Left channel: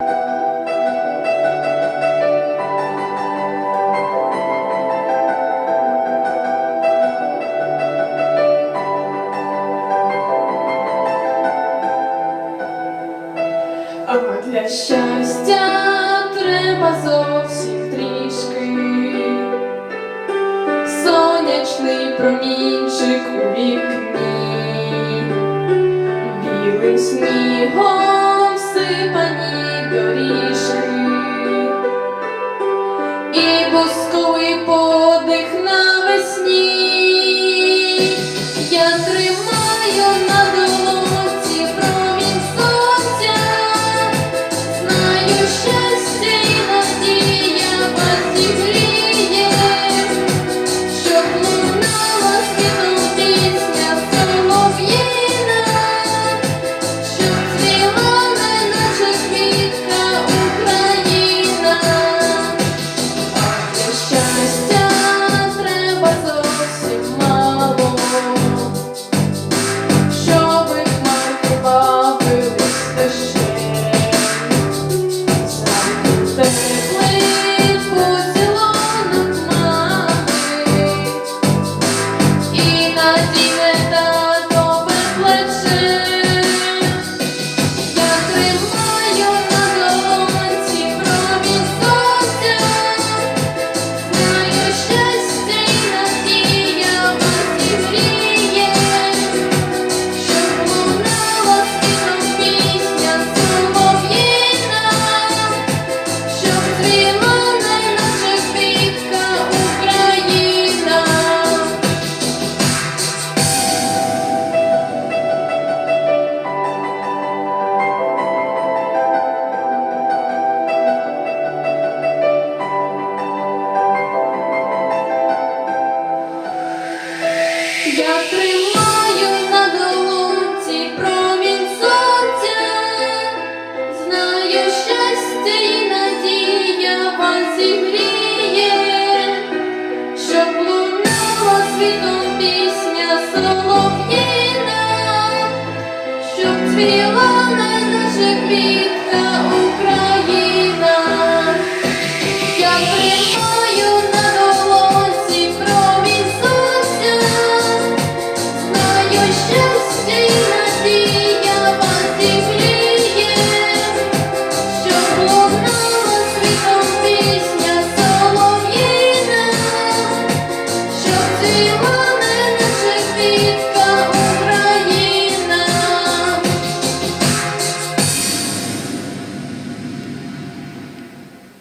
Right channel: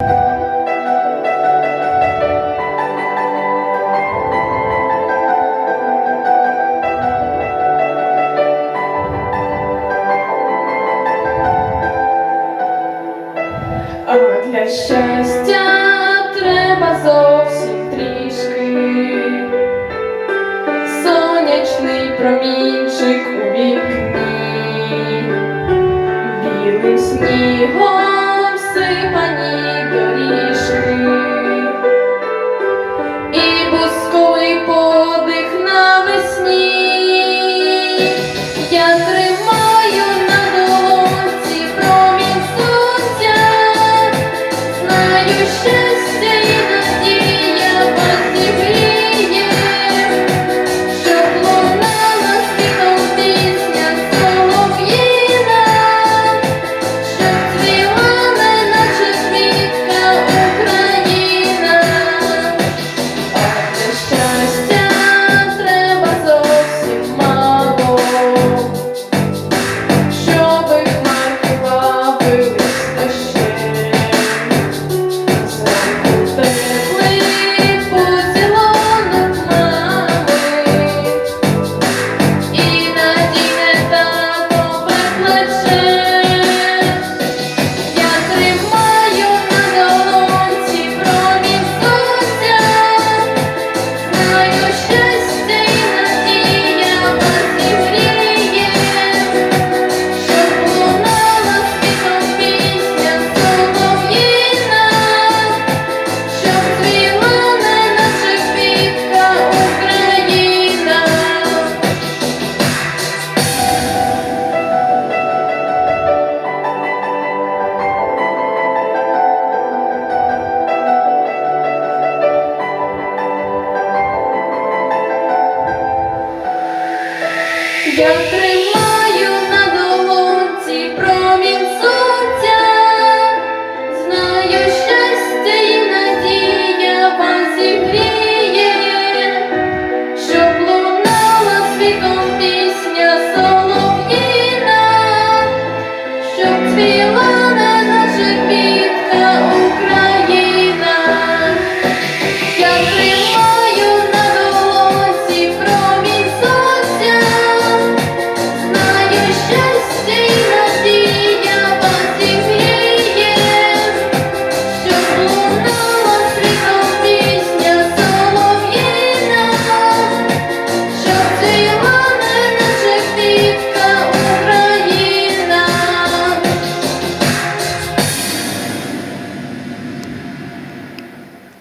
А для щастя треба зовсім трішки. Сонячний промінчик у вікні, білим снігом Gabriel.